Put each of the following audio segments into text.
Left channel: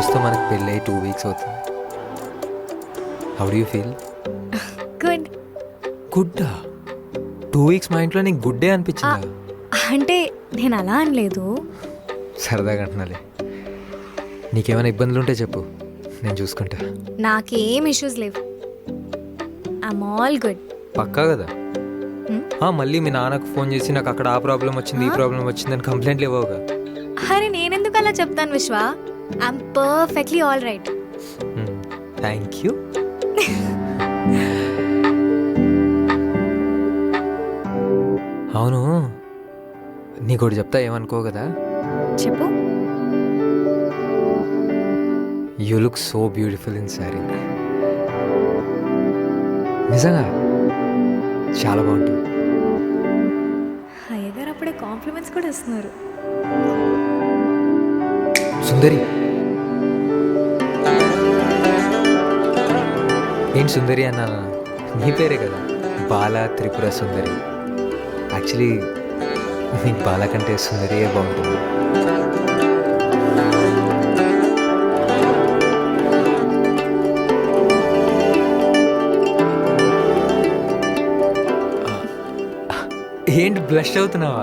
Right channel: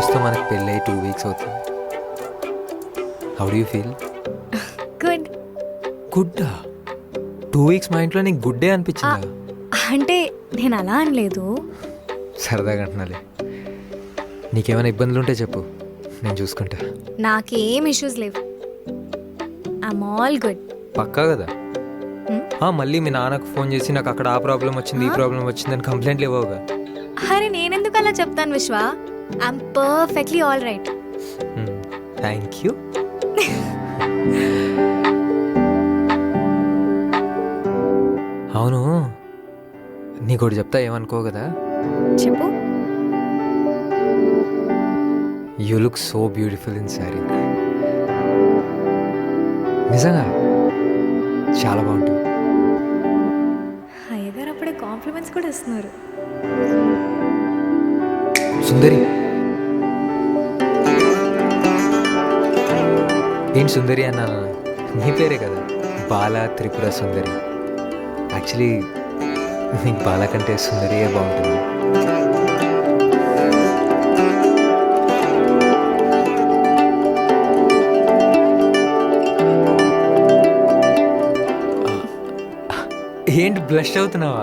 రోజుతో మనకు పెళ్ళి 2 వీక్స్ అవుతుంది. How do you feel? Good. గుడ్డా? 2 వీక్స్ మా ఇంట్లో నీకు గుడ్డే అనిపించిందా? అంటే నేను అలా అనలేదు. సరదాగా అంటున్నాలే. నీకేమైనా ఇబ్బందులు ఉంటే చెప్పు, నేను చూసుకుంటా. నాకేం ఇష్యూస్ లేవు. I'm all good. పక్కా కదా? మళ్ళీ మీ నాన్నకు ఫోన్ చేసి నాకు అక్కడ ఆ ప్రాబ్లం వచ్చింది, ఈ ప్రాబ్లం వచ్చిందని కంప్లైంట్లు ఇవ్వవుగా? అరే నేనెందుకు అలా చెప్తాను విశ్వ. I'm perfectly all right. Thank you. అవును, నీకోటి చెప్తా, ఏమనుకో కదా? చెప్పు. You look so beautiful in sari. నిజంగా చాలా బాగుంటావు. అయ్యగారు అప్పుడే కాంప్లిమెంట్స్ కూడా ఇస్తున్నారు. సుందరి ఏంటి సుందరి అన్నా? నీ పేరే కదా, బాలా త్రిపుర సుందరి. యాక్చువల్లీ నీకు బాలా కంటే సుందరియే బాగుంటుంది. ఏంటి బ్లష్ అవుతున్నావా?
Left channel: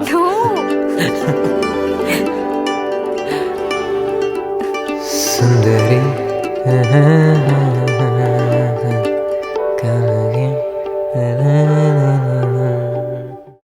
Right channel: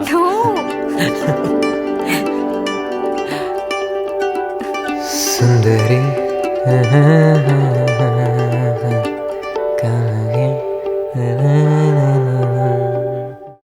సుందరి